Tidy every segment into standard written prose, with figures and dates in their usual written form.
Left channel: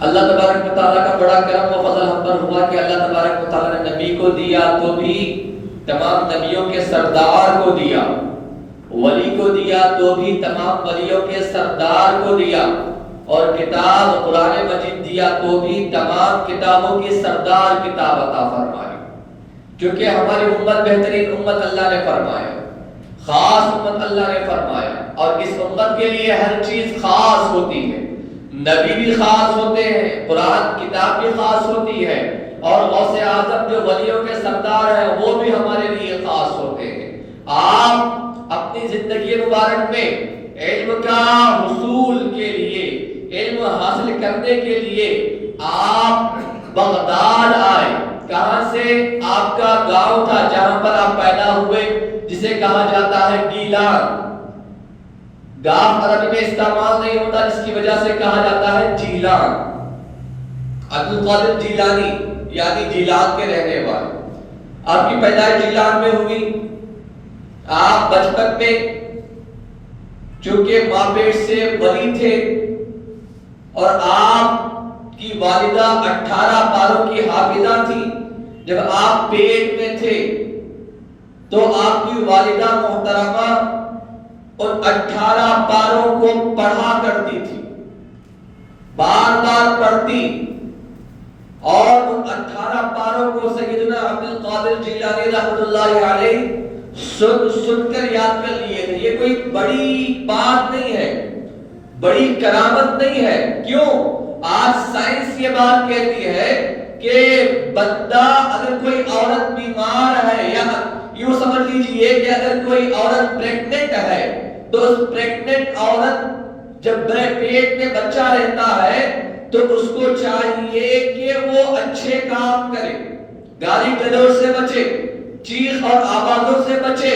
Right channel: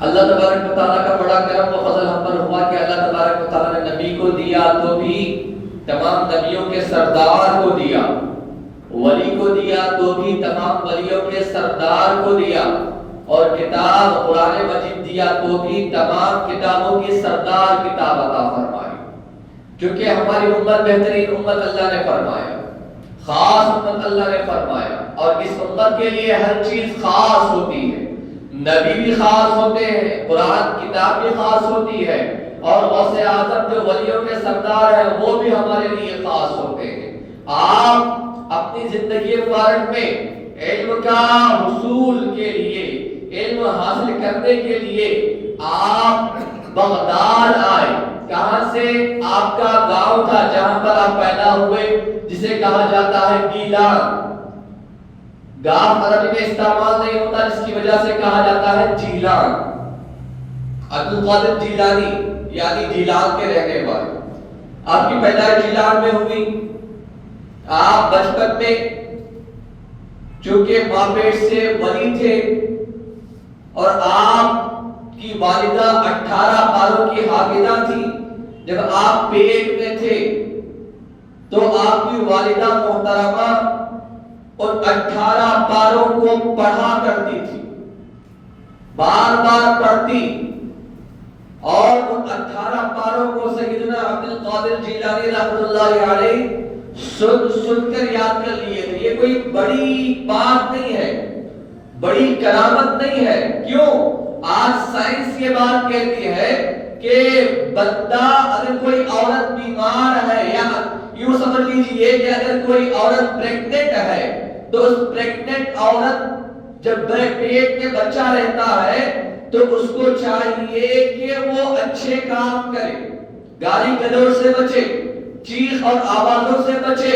اللہ تبارک و تعالیٰ کا بڑا کرم و فضل ہم پر ہوا کہ اللہ تبارک و تعالیٰ نے نبی کو دیا تو بھی تمام نبیوں کے سردار کو دیا، ولی کو دیا تو بھی تمام ولیوں کے سردار کو دیا، اور کتاب قرآن مجید دیا تو بھی تمام کتابوں کی سردار کتاب عطا فرمائی، کیونکہ ہماری امت بہترین امت اللہ نے فرمایا، خاص امت اللہ نے فرمایا، اور اس امت کے لیے ہر چیز خاص ہوتی ہے، نبی بھی خاص ہوتے ہیں، قرآن کتاب بھی خاص ہوتی ہے، اور غوث اعظم جو ولیوں کے سردار ہیں وہ بھی ہمارے لیے خاص ہوتے ہیں۔ آپ اپنی زندگی مبارک میں علم کا حصول کے لیے، علم حاصل کرنے کے لیے آپ بغداد آئے۔ کہاں سے؟ آپ کا گاؤں تھا جہاں پر آپ پیدا ہوئے، جسے کہا جاتا ہے گیلان۔ گاؤں عربی میں استعمال نہیں ہوتا، جس کی وجہ سے کہا جاتا ہے جیلان۔ عبد القادر جیلانی یعنی جیلان کے رہنے والے۔ آپ کی پیدائش جیلان میں ہوئی۔ آپ بچپن میں چونکہ ماں پیٹ سے ولی تھے، اور آپ کی والدہ 18 پاروں کی حافظہ تھی، جب آپ پیٹ میں تھے تو آپ کی والدہ محترمہ ان 18 پاروں کو پڑھا کرتی تھی، بار بار پڑھتی، اور ان 18 پاروں کو سیدنا عبد القادر جیلانی رحمۃ اللہ علیہ سن کر یاد کر لیے تھے۔ یہ کوئی بڑی بات نہیں ہے، بڑی کرامت نہیں ہے۔ کیوں؟ آج سائنس یہ بات کہتی ہے کہ بندہ، اگر کوئی عورت بیمار ہے، یا یوں سمجھ لیجئے کہ اگر کوئی عورت پریگننٹ ہے تو اس پریگننٹ عورت جب پیٹ میں بچہ رہتا ہے تو اس کو چاہیے کہ وہ اچھے کام کرے، گالی گلوچ سے بچے، چیخ اور آوازوں سے بچے،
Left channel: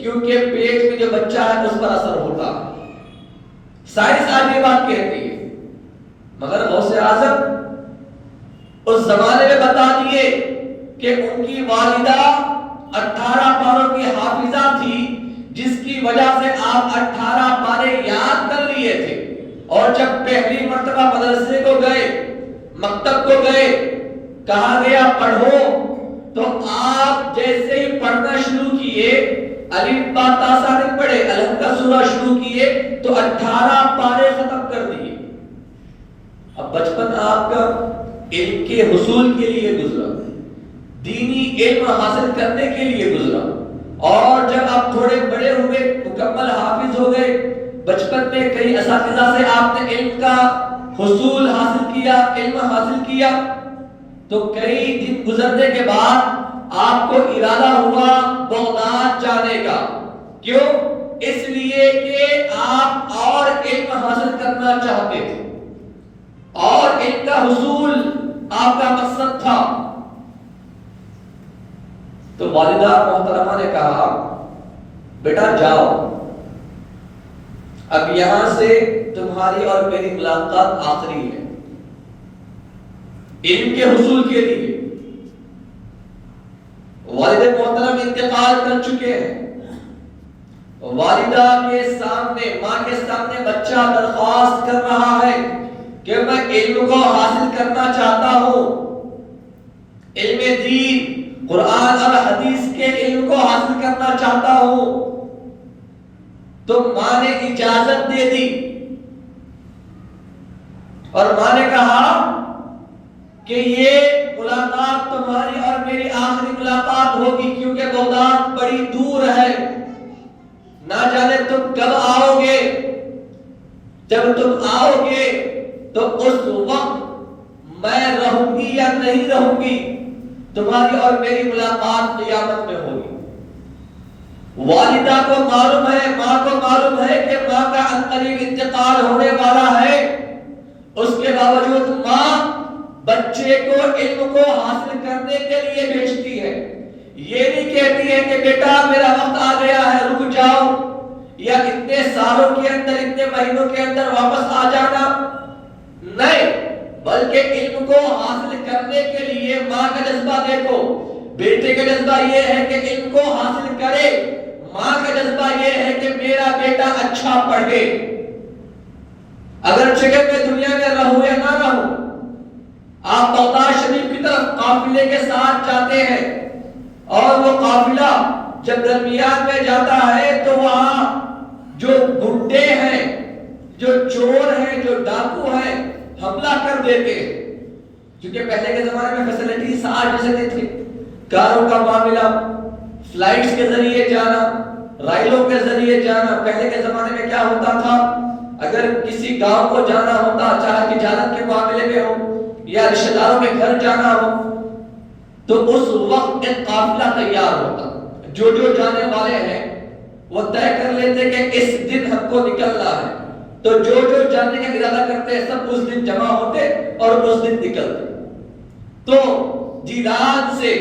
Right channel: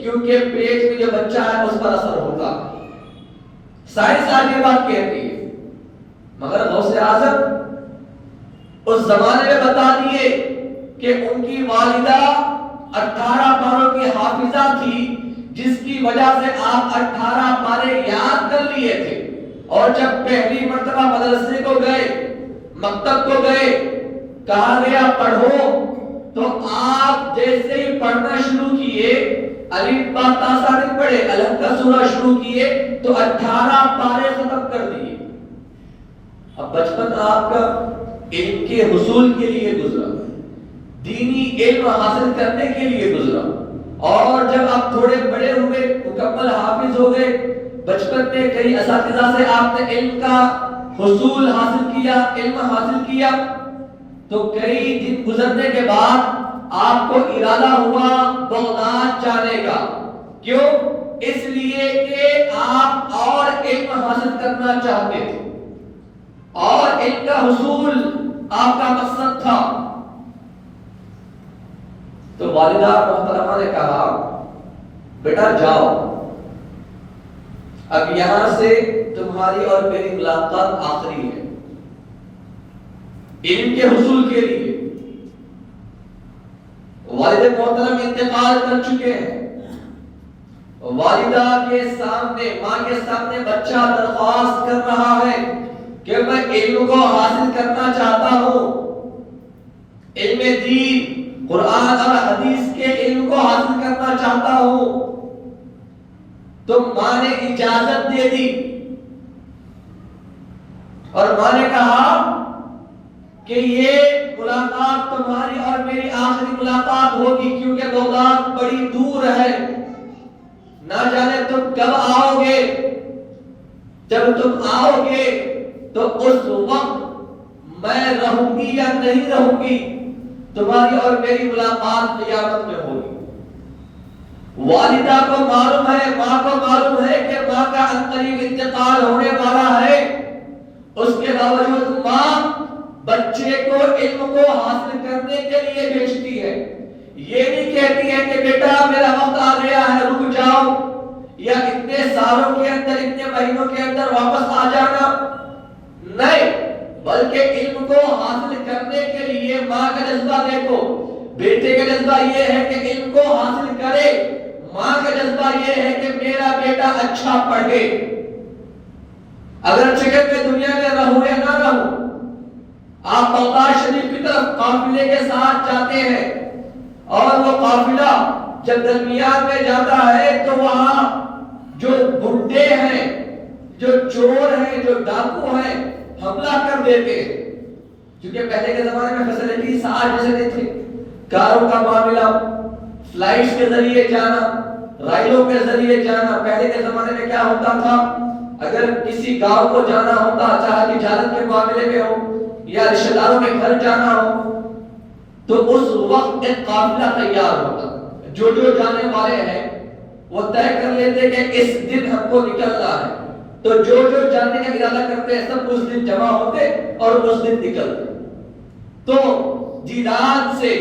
کیونکہ پیٹ میں جو بچہ ہے اس پر اثر ہوتا ہے۔ سائنس آج یہ بات کہتی ہے، مگر غوث اعظم اس زمانے میں بتا دیے کہ ان کی والدہ 18 پاروں کی حافظہ تھی، جس کی وجہ سے آپ 18 پارے یاد کر لیے تھے، اور جب پہلی مرتبہ مدرسے کو گئے، مکتب کو گئے، کہا گیا پڑھو، تو آپ جیسے ہی پڑھنا شروع کیے، الف با تا سا نہیں پڑھے، الف کا سورہ شروع کیے تو 18 پارے ختم کر دیے۔ اب بچپن آپ کا علم کے حصول کے لیے گزرا، دینی علم حاصل کرنے کے لیے گزرا، اور جب آپ تھوڑے بڑے ہوئے، مکمل حافظ ہو گئے، بچپن میں کئی اساتذہ سے آپ نے علم کا حصول حاصل کیا، علم حاصل کیا، تو کئی دن گزرنے کے بعد آپ کو ارادہ ہوا بغداد جانے کا۔ کیوں؟ اس لیے کہ آپ اور علم حاصل کرنا چاہتے تھے، اور علم کا حصول آپ کا مقصد تھا۔ تو والدہ محترمہ نے کہا بیٹا جاؤ، اب یہاں سے تمہاری اور میری ملاقات آخری ہے علم کے حصول کے لیے۔ والد محترم انتقال کر چکے ہیں، والدہ کے سامنے، ماں کے سامنے بچہ درخواست کر رہا ہے کہ میں علم کو حاصل کرنا چاہتا ہوں، علم دین، قرآن اور حدیث کے علم کو حاصل کرنا چاہتا ہوں۔ تو ماں نے اجازت دے دی، اور ماں نے کہا کہ یہ ملاقات تمہاری اور میری آخری ملاقات ہوگی، کیونکہ بغداد بڑی دور ہے، نہ جانے تم کب آؤ گے، جب تم آؤ گے تو اس وقت میں رہوں گی یا نہیں رہوں گی، تمہاری اور میری ملاقات قیامت میں ہوگی۔ والدہ کو معلوم ہے، ماں کو معلوم ہے کہ ماں کا عنقریب انتقال ہونے والا ہے، اس کے باوجود ماں بچے کو علم کو حاصل کرنے کے لیے بھیجتی ہے۔ یہ نہیں کہتی ہے کہ بیٹا میرا وقت آ گیا ہے رک جاؤ، یا اتنے سالوں کے اندر، اتنے مہینوں کے اندر واپس آ جانا، نہیں، بلکہ علم کو حاصل کرنے کے لیے ماں کا جذبہ دیکھو۔ بیٹے کا جذبہ یہ ہے کہ علم کو حاصل کرے، ماں کا جذبہ یہ ہے کہ میرا بیٹا اچھا پڑھے، اگر چکر میں دنیا میں رہوں یا نہ رہوں، آپ بغداد شریف کی طرف قافلے کے ساتھ جاتے ہیں اور وہ قافلہ جب درمیان میں جاتا ہے تو وہاں جو گنڈے ہیں، جو چور ہیں، جو ڈاکو ہیں، حملہ کر دیتے ہیں. کیونکہ پہلے کے زمانے میں فیسلٹیز آج جیسے نہیں تھی. کاروں کا معاملہ، فلائٹس کے ذریعے جانا، ریلوں کے ذریعے جانا. پہلے کے زمانے میں کیا ہوتا تھا، اگر کسی گاؤں کو جانا ہوتا، چاہے تجارت کے معاملے میں ہو یا رشتہ داروں کے گھر جانا ہو، تو اس وقت ایک قافلہ تیار ہوتا. جو جانے والے ہیں وہ طے کر لیتے کہ اس دن ہم کو نکلنا ہے، تو جو جانے کا ارادہ کرتے ہیں سب اس دن جمع ہوتے اور اس دن نکلتے. تو رات سے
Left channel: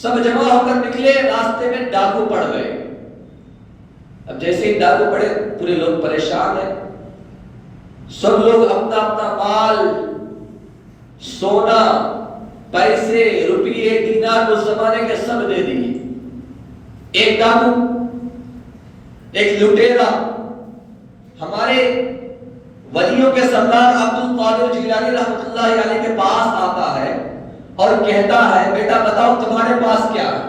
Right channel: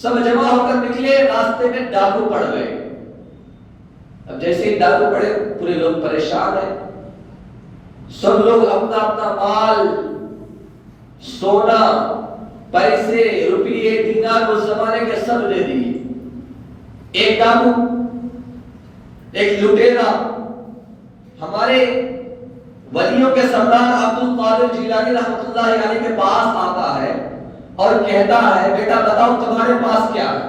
سب جمع ہو کر نکلے، راستے میں ڈاکو پڑ گئے. اب جیسے ہی ڈاکو پڑے پورے لوگ پریشان ہیں. سب لوگ اپنا اپنا مال، سونا، پیسے، روپیے، دینار اس زمانے کے سب دے دیے. ایک ڈاکو، ایک لٹیرا ہمارے ولیوں کے سردار عبد القادر جیلانی رحمۃ اللہ علیہ کے پاس آتا ہے اور کہتا ہے، بیٹا بتاؤ تمہارے پاس کیا ہے؟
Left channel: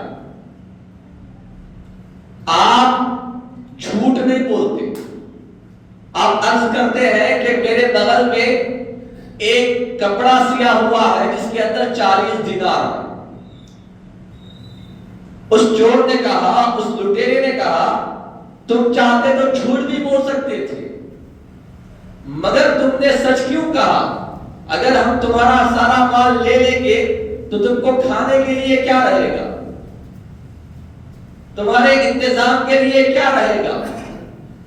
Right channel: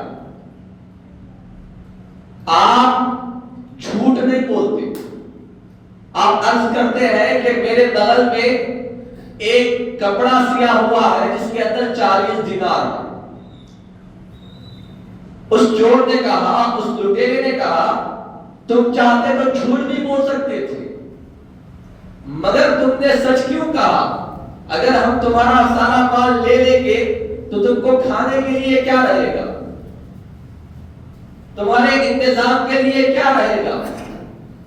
آپ جھوٹ نہیں بولتے. آپ عرض کرتے ہیں کہ میرے بغل میں ایک کپڑا سیا ہوا ہے جس کے اندر 40 دینار ہے. اس چور نے کہا، اس لٹیرے نے کہا، تم چاہتے تو جھوٹ بھی بول سکتے تھے، مگر تم نے سچ کیوں کہا؟ اگر ہم تمہارا سارا مال لے لیں گے تو تم کو کھانے کے لیے کیا رہے گا؟ تمہارے انتظام کے لیے کیا رہے گا؟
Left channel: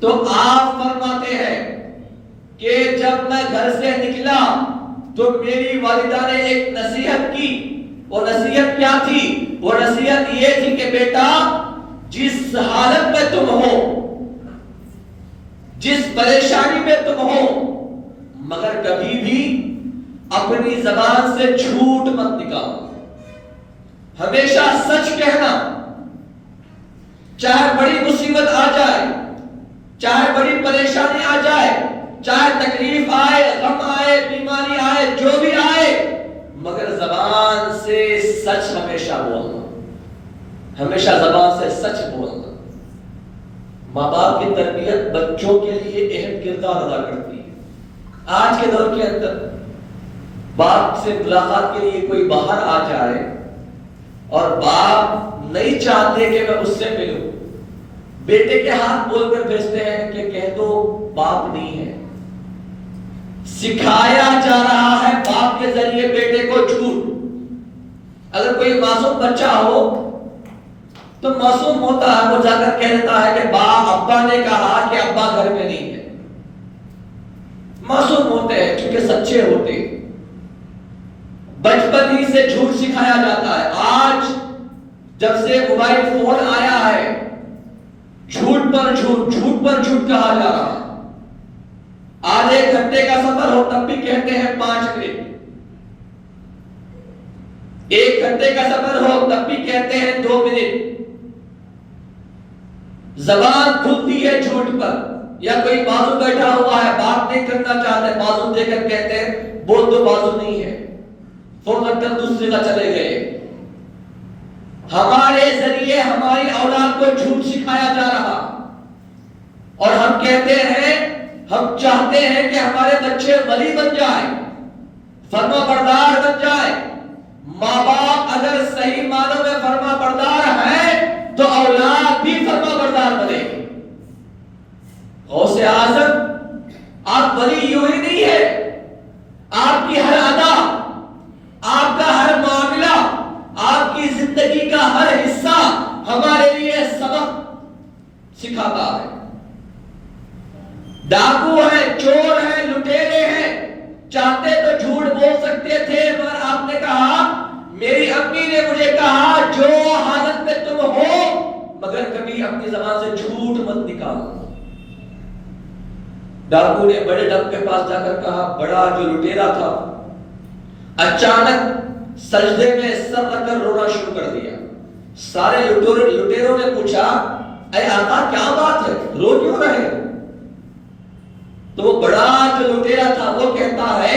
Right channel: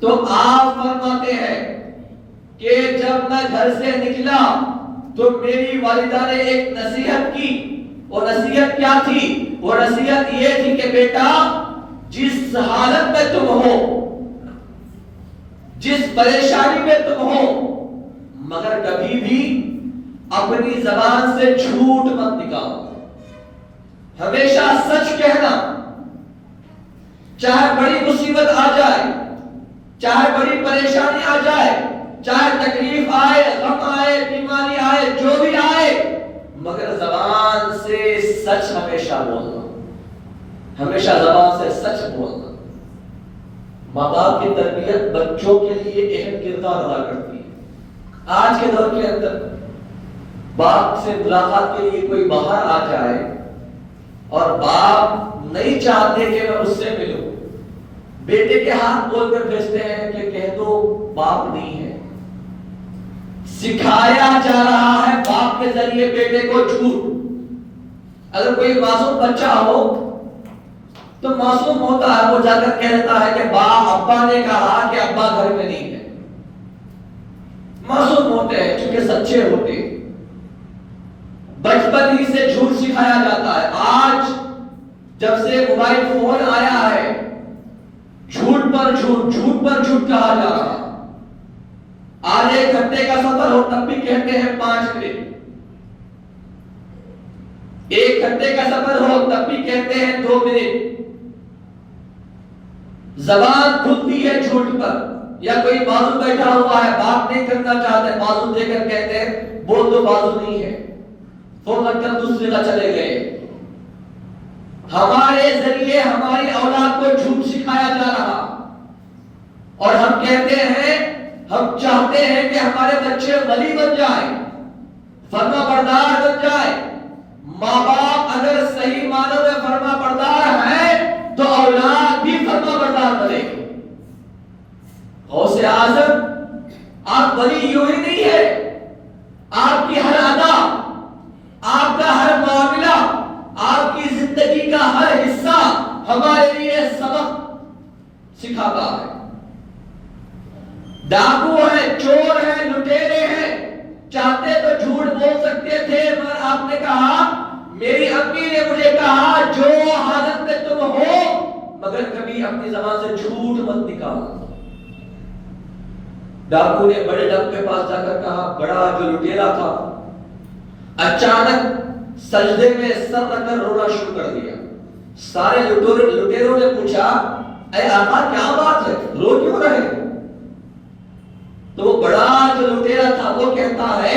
تو آپ فرماتے ہیں کہ جب میں گھر سے نکلا تو میری والدہ نے ایک نصیحت کی. وہ نصیحت کیا تھی؟ وہ نصیحت یہ تھی کہ بیٹا جس حالت میں تم ہو، جس پریشانی میں تم ہو، مگر کبھی بھی اپنی زبان سے جھوٹ مت نکالو. ہمیشہ سچ کہنا. چاہے بڑی مصیبت آ جائے، چاہے بڑی پریشانی آ جائے، چاہے تکلیف آئے، غم آئے، بیماری آئے، جو بھی آئے، مگر زبان سے سچ ہمیشہ بولنا. ہمیشہ زبان سے سچ بولنا. ماں باپ کی تربیت بچوں کے لیے اہم کردار ادا کرتی ہے. آج کے دور کے اندر باپ سے ملاقات کے لیے کوئی باہر آ جائے اور باپ نہیں چاہتے کہ میں اس سے ملوں، بیٹے کے ہاتھ بول کر بھیجتے ہیں کہ کہہ دو باپ نہیں ہے. سکھایا جا رہا ہے باپ کے ذریعے بیٹے کو جھوٹ. اگر کوئی معصوم بچہ ہو تو معصوم ہوتا ہے، وہ جا کر کہتا ہے کہ ابا نے کہا کہ ابا گھر میں نہیں ہے. معصوم ہوتے ہیں چونکہ سچے ہوتے ہیں. بچپن ہی سے جھوٹ سکھایا جاتا ہے. آج جب سے موبائل فون آیا ہے، جھوٹ پر جھوٹ، جھوٹ پر جھوٹ کہا جا رہا ہے. آج 1 گھنٹے کا سفر ہو تب بھی کہتے ہیں 5 منٹ. 1 گھنٹے کا سفر ہو تب بھی کہتے ہیں 2 منٹ. زبان کھلتی ہے جھوٹ پر. یا کوئی بازو بیٹھا ہوا ہے، بات نہیں کرنا چاہتے، بازو دے کر کہتے ہیں بول دو بازو نہیں ہے، فوراً کر دوسری جگہ چلے گئے. ہمارے ذریعے ہماری اولاد کو جھوٹ سکھایا جا رہا اور ہم کہتے ہیں، ہم چاہتے ہیں کہ ہمارے بچے ولی بن جائیں، فرما بردار بن جائیں. ماں باپ اگر صحیح معنوں میں فرما بردار ہے تو اولاد بھی فرما بردار بنے. غوث اعظم، آپ ولی یوں ہی نہیں ہے. آپ کی ہر ادا، آپ کا ہر معاملہ، آپ کی زندگی کا ہر حصہ ہمارے لیے سبق سکھاتا ہے. ڈاکو ہے، چور ہے، لٹیرے ہیں، چاہتے تو جھوٹ بول سکتے تھے، مگر آپ نے کہا، میری امی نے مجھے کہا جو حالت میں تم ہو مگر کبھی اپنی زبان سے جھوٹ مت نکالو. ڈاکو نے بڑے ڈاکو کے پاس جا کر کہا، بڑا جو لٹیرا تھا اچانک سجدے میں سر رکھ کر رونا شروع کر دیا. سارے لٹیروں نے پوچھا، اے آقا کیا بات ہے، رو کیوں رہے؟ تو وہ بڑا جو لٹیرا تھا وہ کہتا ہے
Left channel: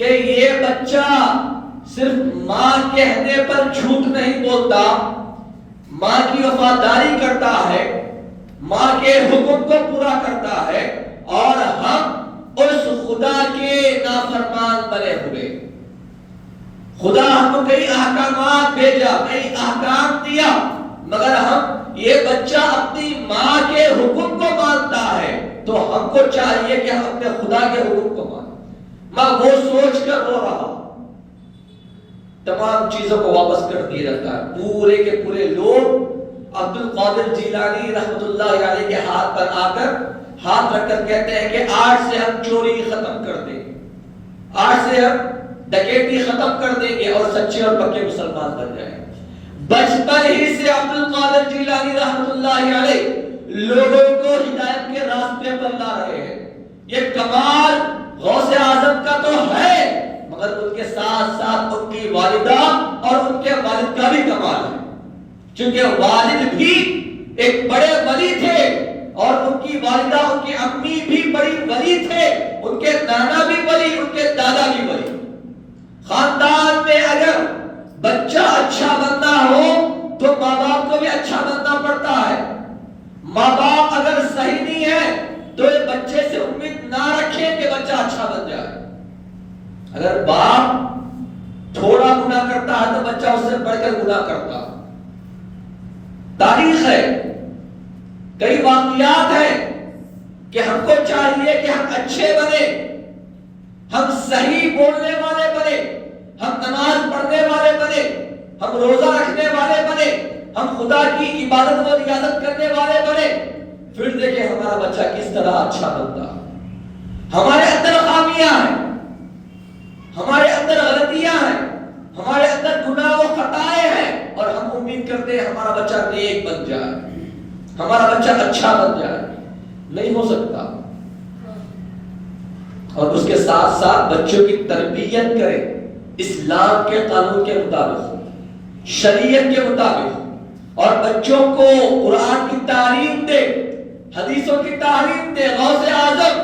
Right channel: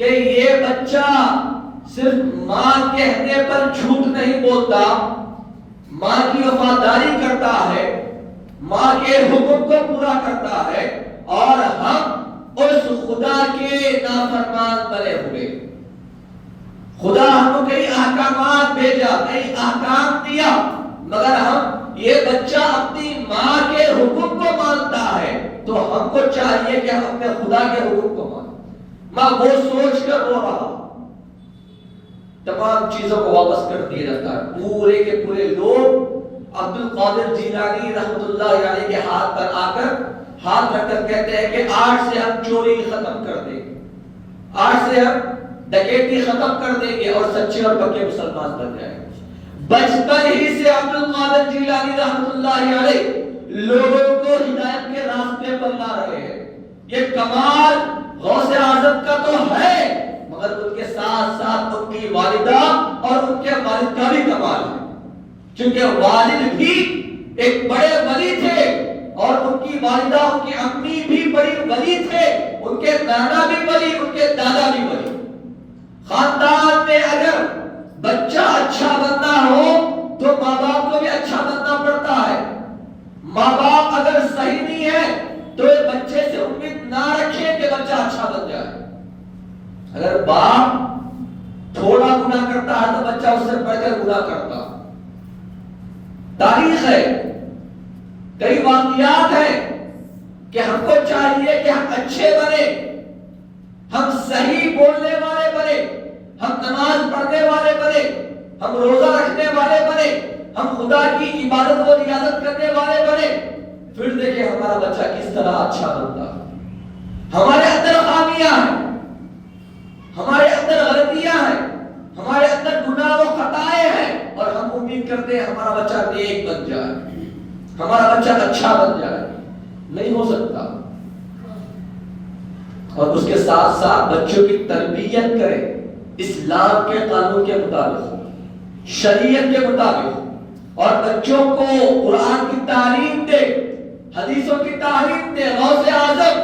کہ یہ بچہ صرف ماں کہنے پر جھوٹ نہیں بولتا، ماں کی وفاداری کرتا ہے، ماں کے حکم کو پورا کرتا ہے، اور ہم اس خدا کے نافرمان بنے ہوئے۔ خدا ہم کو کئی احکامات بھیجا، کئی احکام دیا، مگر ہم یہ بچہ اپنی ماں کے حکم کو مانتا ہے، تو ہم کو چاہیے کہ ہم اپنے خدا کے حکم کو مانیں۔ میں وہ سوچ کر رو رہا، تمام چیزوں کو واپس کر دیا جاتا ہے۔ پورے کے پورے لوگ عبد القادر جیلانی رحمۃ اللہ علیہ کے ہاتھ پر آ کر ہاتھ رکھ کر کہتے ہیں کہ آج سے ہم چوری ختم کر دیں گے، آج سے ہم ڈکیتی ختم کر دیں گے اور سچے اور پکے مسلمان بن جائیں گے۔ بچپن ہی سے عبد القادر جیلانی رحمۃ اللہ علیہ لوگوں کو ہدایت کے راستے پر لا رہے ہیں۔ یہ کمال غوث اعظم کا تو ہے، مگر ان کے ساتھ ساتھ ان کی والدہ اور ان کے والد کا بھی کمال ہے، کیونکہ والد بھی ایک بڑے ولی تھے اور ان کی والدہ، ان کی امی بھی بڑی ولی تھے، ان کے نانا بھی ولی، ان کے دادا بھی ولی۔ خاندان میں اگر بچہ اچھا بننا ہو تو ماں باپ کو بھی اچھا بننا پڑتا ہے۔ ماں باپ اگر صحیح نہیں ہے تو یہ بچے سے امید نہ رکھیں کہ بچہ اچھا بن جائے۔ اگر باپ تھوڑا گناہ کرتا ہے تو بچہ اس سے بڑھ کر گناہ کرتا۔ تاریخ ہے، کئی واقعات ہیں کہ ہم کو چاہیے کہ ہم اچھے بنے، ہم صحیح بولنے والے بنے، ہم نماز پڑھنے والے بنے، ہم روزہ رکھنے والے بنے، ہم خدا کی عبادت و ریاضت کرنے والے بنے، پھر دیکھیں ہمارا بچہ کس طرح اچھا بنتا ہے۔ ہمارے اندر خامیاں ہیں، ہمارے اندر غلطیاں ہیں، ہمارے اندر گناہ و خطائیں ہیں، اور ہم امید کرتے ہیں ہمارا بچہ نیک بن جائے، ہمارا بچہ اچھا بن جائے۔ نہیں ہو سکتا۔ اور اس کے ساتھ ساتھ بچوں کی تربیت کریں اسلام کے قانون کے مطابق، شریعت کے مطابق، اور بچوں کو قرآن کی تعلیم دے، حدیثوں کی تعلیم دے۔ غوث اعظم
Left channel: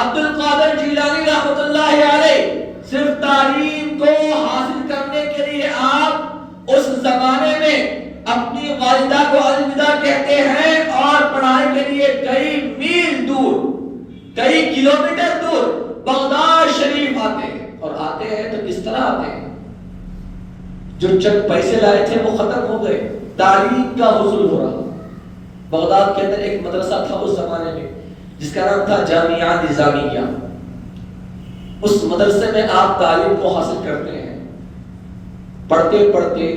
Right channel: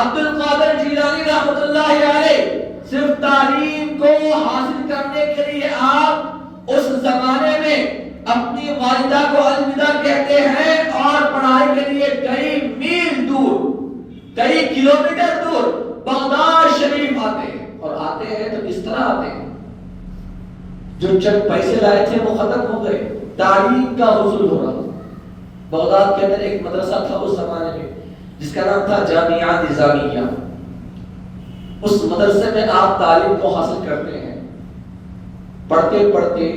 عبد القادر جیلانی رحمۃ اللہ علیہ صرف تعلیم کو حاصل کرنے کے لیے آپ اس زمانے میں اپنی والدہ کو الوداع کہتے ہیں اور پڑھائی کے لیے کئی میل دور، کئی کلومیٹر دور بغداد شریف آتے ہیں، اور آتے ہیں تو کس طرح آتے ہیں؟ جو چند پیسے لائے تھے وہ ختم ہو گئے، تعلیم کا حصول ہو رہا۔ بغداد کے اندر ایک مدرسہ تھا اس زمانے میں جس کا نام تھا جامعہ نظامیہ۔ اس مدرسے میں آپ تعلیم کو حاصل کرتے ہیں، پڑھتے پڑھتے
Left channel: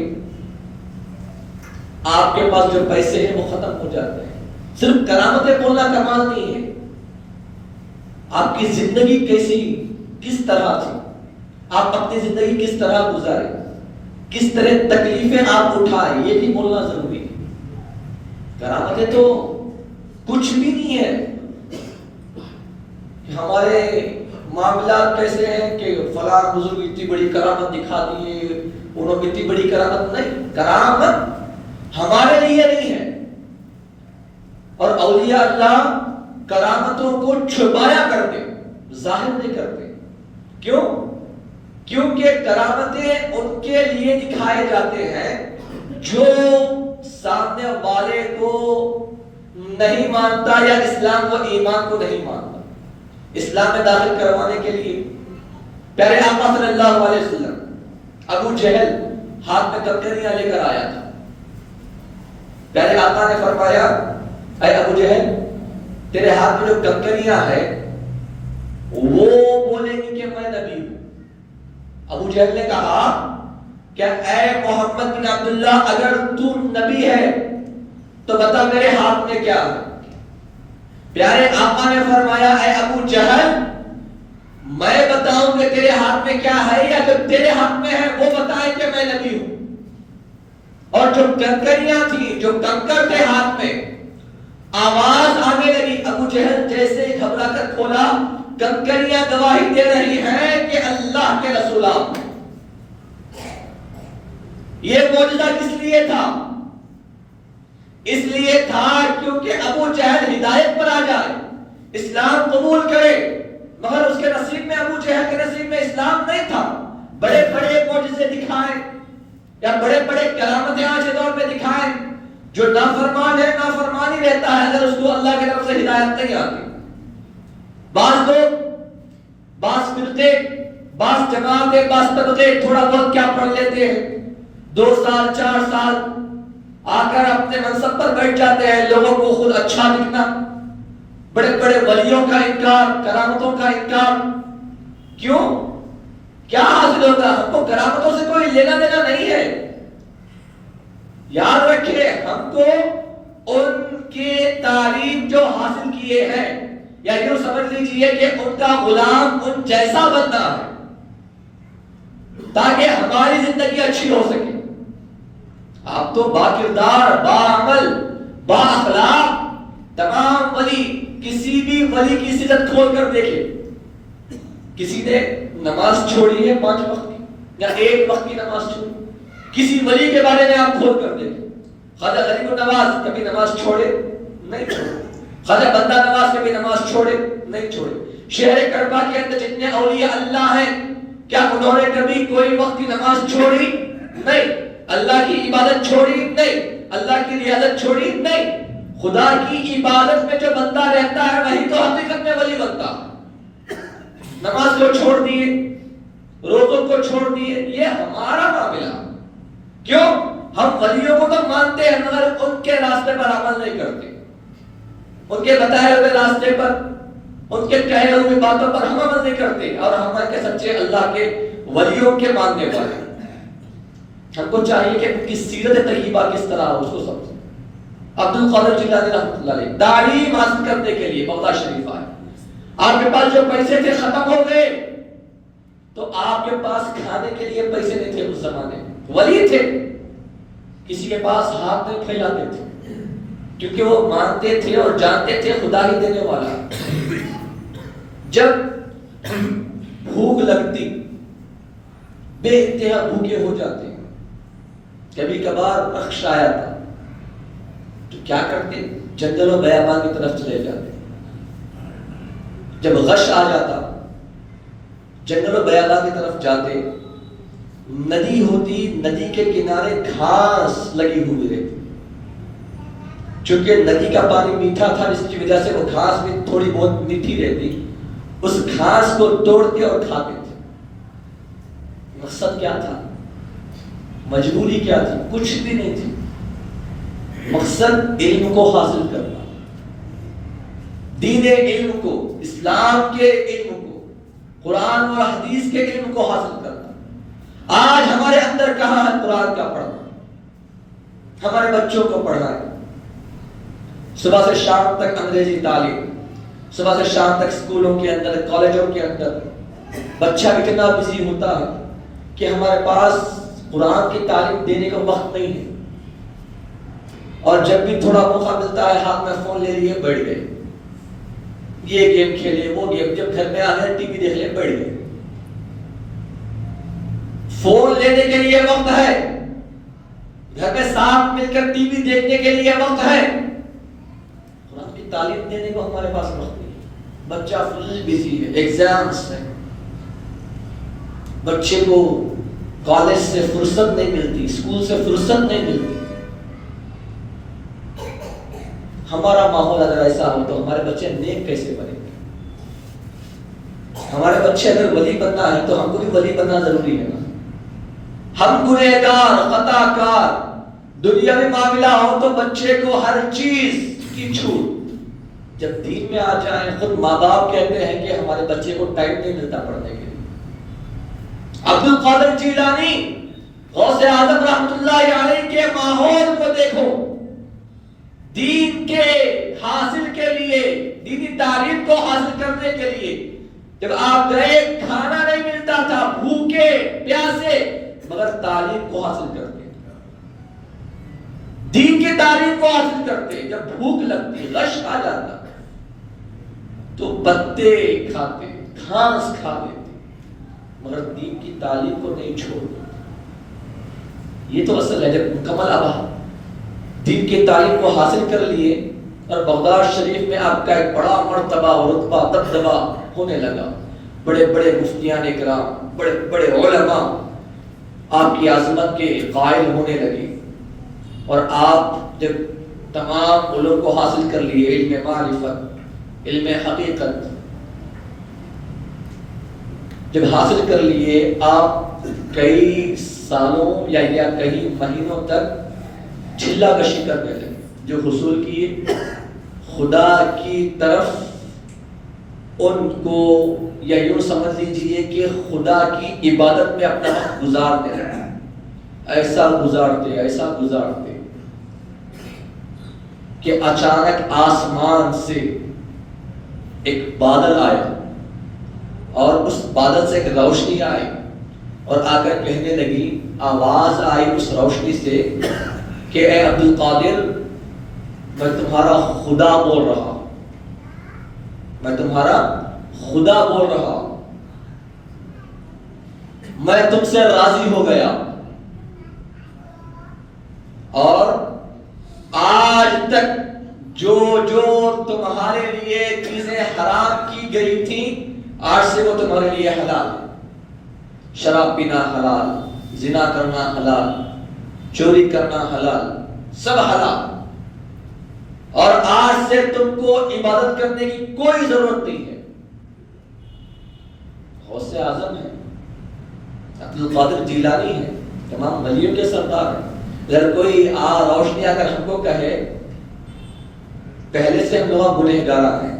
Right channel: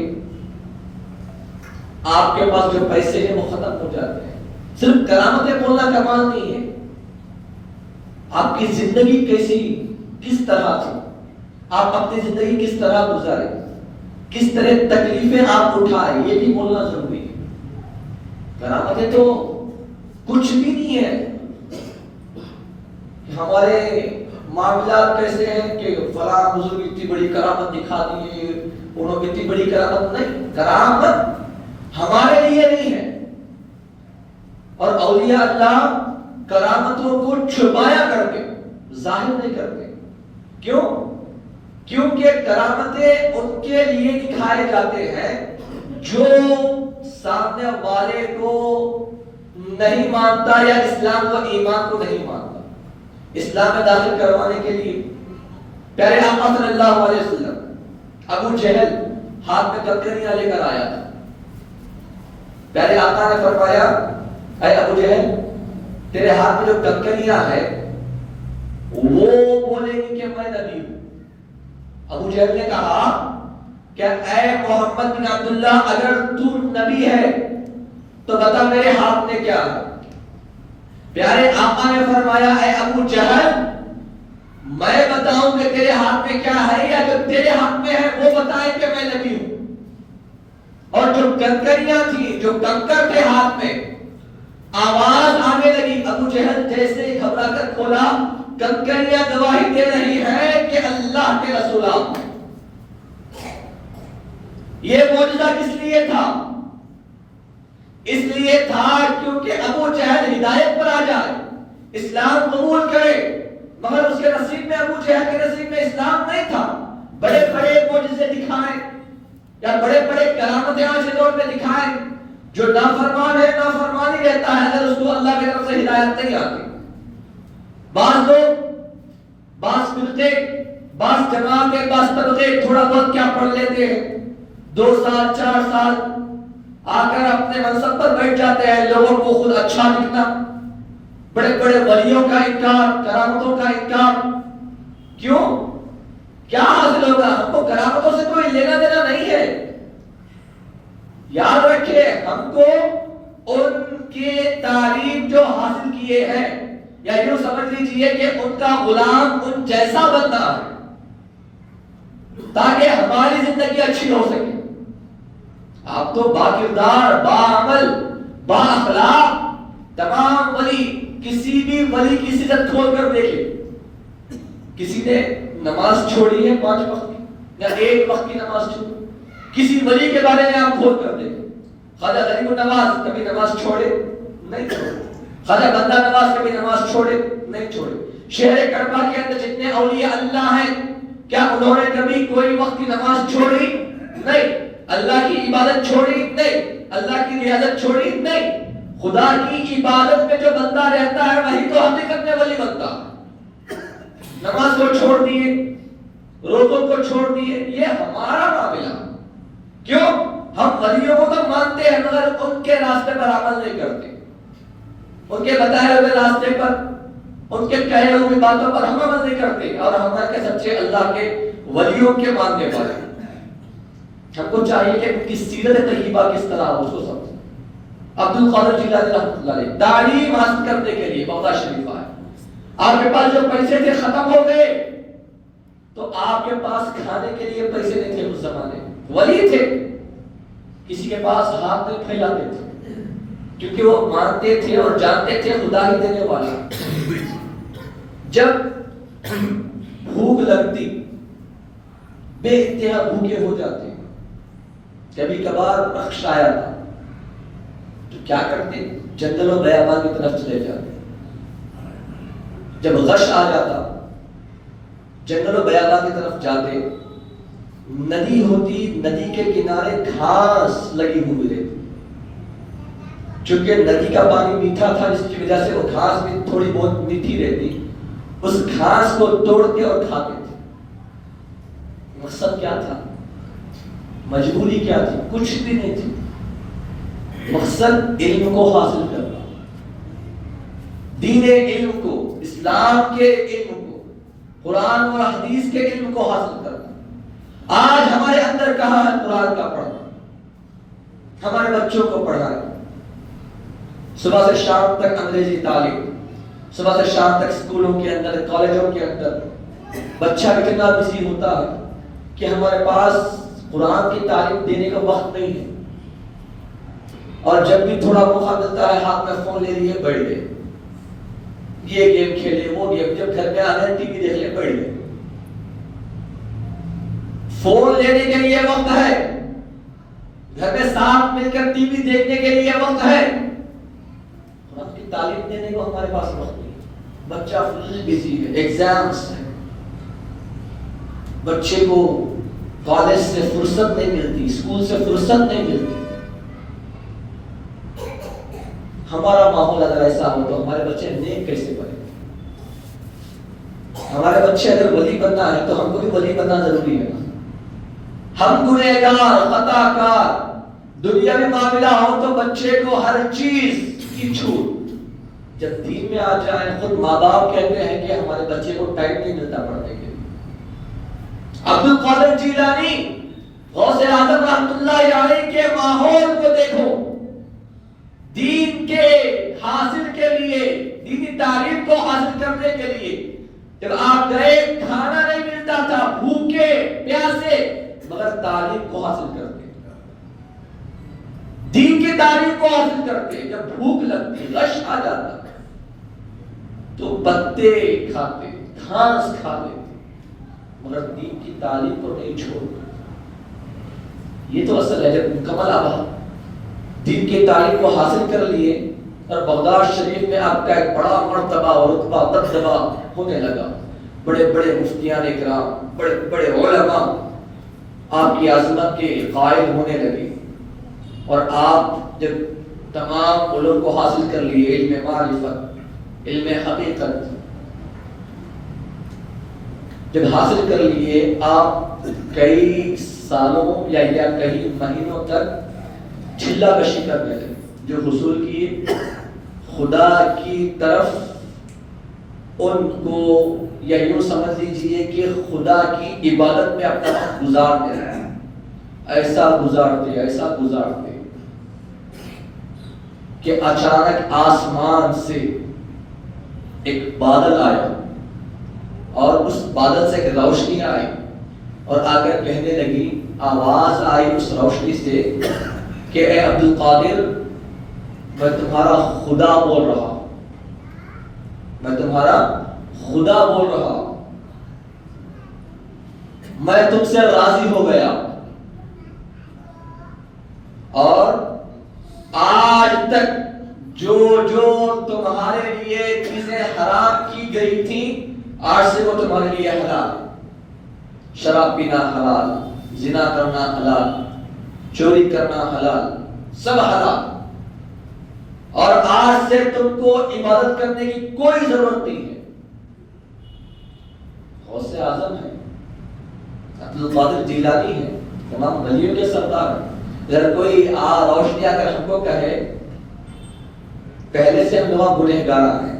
آپ کے پاس جو پیسے ہیں وہ ختم ہو جاتے ہیں۔ صرف کرامتیں بولنا کمال نہیں ہے، آپ کی زندگی کیسی، کس طرح تھی، آپ اپنی زندگی کس طرح گزارے، کس طرح تکلیفیں آپ اٹھائے، یہ بھی بولنا ضروری ہے۔ کرامتیں تو کچھ بھی نہیں ہے۔ ہمارے معاملات کیسے ہیں کہ فلاں بزرگ اتنی بڑی کرامت دکھا دیے، انہوں نے اتنی بڑی کرامت نہیں۔ کرامت ہمارے لیے نہیں ہے، اور اولیاء اللہ کرامتوں کو چھپایا کرتے، ظاہر نہیں کرتے۔ کیوں؟ کیونکہ کرامتیں ان کے لیے دکھائے جاتے ہیں جو سامنے والے کو نہیں مانتا یا اسلام و ایمان کو نہیں مانتا۔ اسلام میں داخل کروانے کے لیے پیارے آقا صلی اللہ علیہ وسلم ابو جہل ہاتھ میں کنکریاں لے کر آیا تھا۔ پیارے آقا نے فرمایا، اے ابو جہل، تیرے ہاتھ میں جو کنکریاں ہے وہ بولیں گی کہ میں نبی ہوں۔ ابو جہل نے کہا کہ اے محمد بن عبداللہ، اگر تو نبی ہے تو بتا میرے ہاتھ میں کیا ہے۔ پیارے آقا نے فرمایا، اے ابو جہل، میں بتاؤں کہ تیرے ہاتھ میں کیا ہے یا جو تیرے ہاتھ میں ہے وہ بتائے کہ میں نبی ہوں۔ اور جو کنکریاں تھی، جو کنکر تھے ہاتھ میں، آواز آنے لگی۔ ابو جہل جیسے گھبرا کر کھولا، کنکریاں گواہی دے رہی ہیں کہ اللہ کے رسول آپ۔ یہ معجزہ کس لیے تھا؟ اس لیے تھا کیونکہ ابو جہل ہدایت پر آ جائے، اسلام قبول کرے، مگر اس کے نصیب میں، ابو جہل کے نصیب میں اسلام نہیں تھا. بڑے بڑے معجزے دکھائیں یا بڑے بڑے کرامتیں آج کے دور میں دکھائیں، جو نافرمان ہے نافرمانی رہتا ہے اگر اس کو اللہ کی طرف سے ہدایت نہیں آتی. بعض لوگ، بعض فرقے، بعض جماعتیں، بعض طبقے تھوڑا بہت کیا پڑھ لیتے ہیں، 2 سال 4 سال آ کر اپنے منصب پر بیٹھ جاتے ہیں، لوگوں کو خود اچھا دکھنا، بڑے بڑے ولیوں کا انکار، کرامتوں کا انکار. کیوں؟ کیا حاصل ہوگا؟ ہم کو کرامتوں سے کوئی لینا دینا نہیں ہے. یاد رکھیں، ہم کو ان کی تعلیم جو حاصل کیے ہیں، یا یوں سمجھ لیجئے کہ ان کا غلام ان جیسا بننا ہے تاکہ ہماری زندگی اچھی ہو سکے. آپ تو با کردار، با عمل، با اخلاق تمام ولی، کسی بھی ولی کی سیرت کھول کر دیکھیں، کسی نے نماز چھوڑی ہے 5 وقت کی یا 1 وقت کی نماز چھوڑی، کسی ولی کے بارے میں آپ کھول کر دیکھیں. خواجہ غریب النواز کبھی نماز چھوڑے؟ نہیں چھوڑے. خواجہ بندہ نواز کبھی نماز چھوڑے؟ نہیں چھوڑے. شہر کربلا کے اندر جتنے اولیاء اللہ ہیں، کیا انہوں نے کبھی کوئی وقت کی نماز چھوڑی؟ نہیں. اللہ کی عبادت چھوڑی؟ نہیں. اللہ کی ریاضت چھوڑی؟ نہیں. خدا کی عبادت میں جو بندہ رہتا ہے وہی تو حقیقت میں ولی بنتا. نماز کو چھوڑ دیے، روزوں کو چھوڑ دیے، یہ ہمارا معاملہ. کیوں؟ ہم ولیوں کو تو مانتے ہیں مگر ان کے راستے پر عمل نہیں کرتے، ان کے بتائے ہوئے راستے پر، ان کے کہے ہوئے باتوں پر ہم عمل نہیں کرتے، اور ہم کے سچے اللہ کے ولیوں کے ماننے والے. ہم کو چاہیے کہ ان کی سیرت طیبہ کس طرح ہو اس کو سمجھیں. عبد القادر جیلانی رحمۃ اللہ علیہ تعلیم حاصل کرنے کے لیے بغداد شریف آئے. آپ کے پاس جو پیسے تھے ختم ہو گئے، تو آپ کے پاس کھانے کے لیے پیسے نہیں تھے. اس زمانے ولی تھے، کسی کے پاس ہاتھ میں پھیلاتے تھے کیونکہ وہ مانتے تھے اور جانتے تھے خدا ہی دینے والا. جب بھوک لگتی، بے انتہا بھوکے ہو جاتے، کبھی کبھار رخش آیا تھا تو کیا کرتے؟ جنگل و بیابان کی طرف چلے جاتے. جب غش آ جاتا، جنگل و بیابان کی طرف جاتے، ندی ہوتی، ندی کے کنارے گھاس لگی ہوئی رہتی. چونکہ ندی کا پانی میٹھا تھا جس کی وجہ سے وہ گھاس بھی تھوڑی بہت میٹھی رہتی، اس گھاس کو توڑتے اور کھاتے تھے. مقصد کیا تھا؟ مجبوری کیا تھی؟ کچھ بھی نہیں تھی. مقصد علم کو حاصل کرنا، دین علم کو، اسلام کے علم کو، قرآن اور حدیث کے علم کو حاصل کرنا. آج ہمارے اندر کہاں ہے قرآن کا پڑھنا؟ ہمارے بچوں کو پڑھائیں. صبح سے شام تک انگریزی تعلیم، صبح سے شام تک اسکولوں کے اندر، کالجوں کے اندر بچہ اتنا بزی ہوتا ہے کہ ہمارے پاس قرآن کی تعلیم دینے کا وقت نہیں ہے. اور جب بھی تھوڑا موقع ملتا ہے ہاتھ میں فون لے لیے بیٹھ گئے، یہ گیم کھیلے، وہ گیم، جب گھر پہ آ گئے ٹی وی دیکھ لے بیٹھ گئے. فون لینے کے لیے وقت ہے، گھر میں ساتھ مل کر ٹی وی دیکھنے کے لیے وقت ہے، قرآن کی تعلیم دینے کو ہمارے پاس وقت نہیں. بچہ فل بزی ہے، ایگزامس ہے، بچے کو کالج سے فرصت نہیں ملتی، اسکول سے فرصت نہیں ملتی. ہمارا ماحول اگر ایسا ہو تو ہمارے بچے نیک کیسے بنے گے؟ ہمارے بچے اگر ولی بننا ہے تو ہم کو بھی ولی بننا ضروری ہے. ہم گنہگار، خطا کار، دنیا میں معاملہ ہو تو بچے کو ہر چیز کی چھوٹ. جب دین میں آ جائے، خود ماں باپ کہتے ہیں کہ ہمارے بچے کو ٹائم نہیں ملتا پڑھنے کے لیے. عبد القادر جیلانی، غوث اعظم رحمۃ اللہ علیہ کے ماحول کو دیکھو. دین کے حاصل کے لیے، دینی تعلیم کو حاصل کرنے کے لیے جب آپ گئے، کھانا نہیں ملتا تھا، بھوکے پیاسے، مگر تعلیم کو حاصل کرتے، دین کی تعلیم کو حاصل کرتے. جب بھوک لگتی، غش آ جاتا تو پتے کھاتے، گھاس کھا لیتے، مگر دین کی تعلیم کو نہیں چھوڑتا. یہ تو اصل ہے. جب مکمل آباد دین کی تعلیم کو حاصل کر لیے اور بغداد شریف میں آپ کا ایک بڑا مرتبہ اور رتبہ دبدبہ ہونے لگا. بڑے بڑے مفتیان اکرام، بڑے بڑے علماء آپ کی عظمت کے قائل ہونے لگے. اور آپ جب تمام علوم کو حاصل کر لیے، علم معرفت، علم حقیقت جب حاصل کر لیے، آپ کئی سالوں یا کئی مہینوں تک چلہ کشی کرنے لگے. جو حصول کیے خدا کی طرف ان کو، یا یوں سمجھ لیجئے کہ خدا کی عبادت میں اپنا وقت گزارتے رہے. ایسا گزارتے کہ اچانک آسمان سے ایک بادل آیا اور اس بادل سے ایک روشنی آئی اور آ کر کہنے لگی، آواز آئی اس روشنی سے کہ اے عبد القادر، میں تمہارا خدا بول رہا ہوں، میں تمہارا خدا بول رہا ہوں، میں تم سے راضی ہو گیا. اور آج تک جو تمہارے لیے چیزیں حرام کی گئی تھیں، آج سے وہ تمہارے لیے حلال. شراب پینا حلال، زنا کرنا حلال، چوری کرنا حلال، سب حلال. اور آج سے تم کو عبادت کرنے کی کوئی ضرورت نہیں ہے. غوث اعظم ہے، عبد القادر جیلانی ہے، تمام ولیوں کے سردار ہیں. اگر کوئی روشنی آ کر ہم کو کہے، پہلے سے ہم لوگ گنہگار ہیں،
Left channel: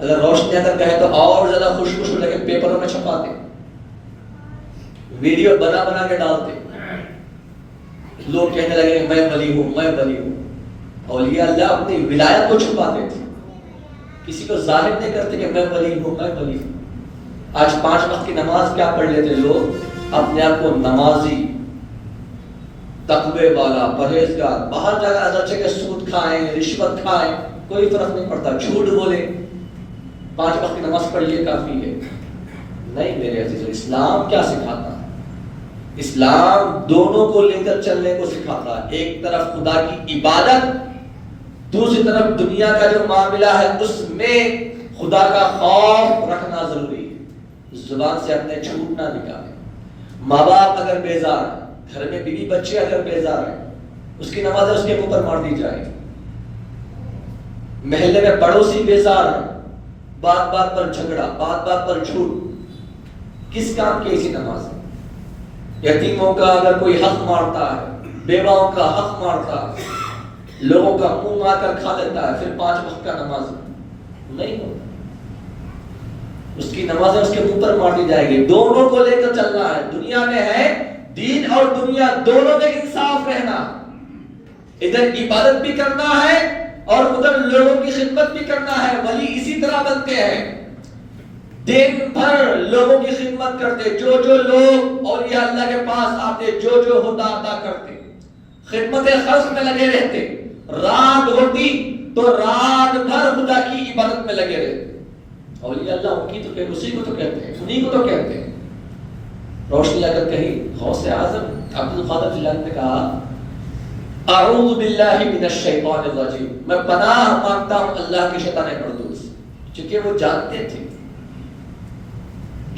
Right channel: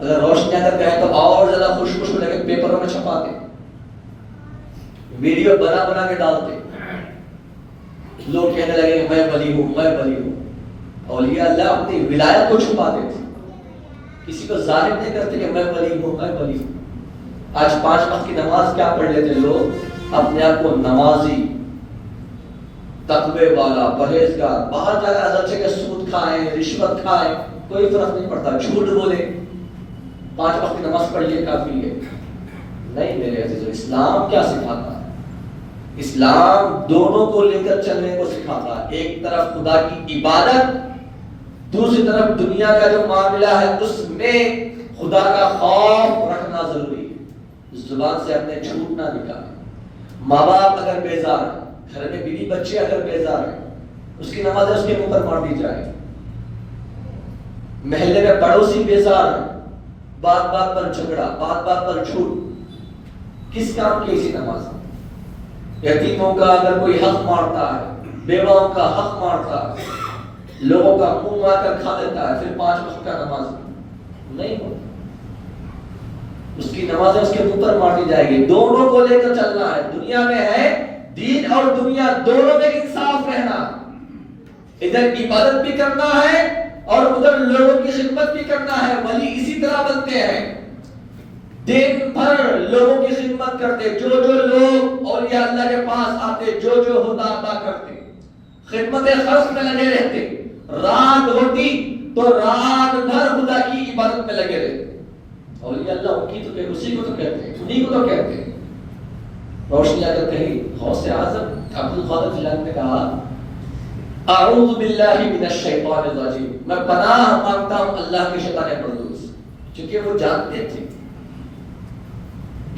اگر روشنی آ کر کہے تو اور زیادہ خوش ہو کے پیپروں میں چھپاتے، ویڈیو بنا کے ڈالتے. لوگ کہنے لگے میں ولی ہوں، میں ولی ہوں. اولیاء اللہ اپنی ولایت کو چھپاتے تھے، کسی کو ظاہر نہیں کرتے کہ میں ولی ہوں، میں ولی ہوں. آج 5 وقت کی نماز کیا پڑھ لیتے لوگ، اپنے آپ کو نمازی، تقوی والا، پرہیزگار. باہر جا کر اچھے کہ سود کھائیں، رشوت کھائیں، کوئی فرق نہیں پڑتا، جھوٹ بولے، 5 وقت کی نماز پڑھ لیے کافی ہے. نہیں میرے عزیزو، اسلام کیا سکھاتا ہے؟ اسلام دونوں کو لے کر چلنے کو سکھاتا ہے. ایک طرف خدا کی عبادت، دوسری طرف دنیا کا جو معاملہ ہے اس میں خدا کا خوف رکھنا ضروری ہے. زبان سے اپنے جھوٹ نہ نکالیں. ماں باپ اگر بیزار ہیں، گھر میں بیوی بچے اگر بیزار ہیں، اس کی نمازیں اس کے منہ پر مار دی جائے. محلے میں پڑوسی بیزار ہیں، بات بات پر جھگڑا، بات بات پر جھوٹ، کس کام کی ایسی نماز ہے؟ یتیموں کا اگر کوئی حق مارتا ہے، بیواؤں کا حق مارتا ہے، لوگوں کا منہ مار کر کھا لیتا ہے، پھر 5 وقت کا نماز نہیں ہوتا. اس کی نمازیں اس کے منہ پر مار دی جائے گی. دونوں کو لے کر چلنا ہے. دنیا میں ہے دین اور دنیا دونوں میں انصاف رہنا. ادھر عبادت بھی کرنا ہے اور ادھر لوگوں کی خدمت بھی کرنا ہے. ولی اسی طرح بنتے ہیں، دن بھر لوگوں کی خدمت کرتے. جو لوگ اولیاء اللہ کے پاس آتے، جو ہوتا عطا کرتے، خدمت خلق میں لگے رہتے. رات ہوتی تو رات بھر خدا کی عبادت میں لگے رہتے. اولیاء اللہ ان کی تو کہ اسی کو تو کہتے ہیں، انہی کو تو کہتے ہیں. روشنی اگر کہیں غوث اعظم عبد القادر جیلانی نے کہا، اعوذ باللہ من الشیطان الرجیم، میں پناہ مانگتا ہوں اللہ کے شیطان مردود سے. چونکہ وہ جانتے تھے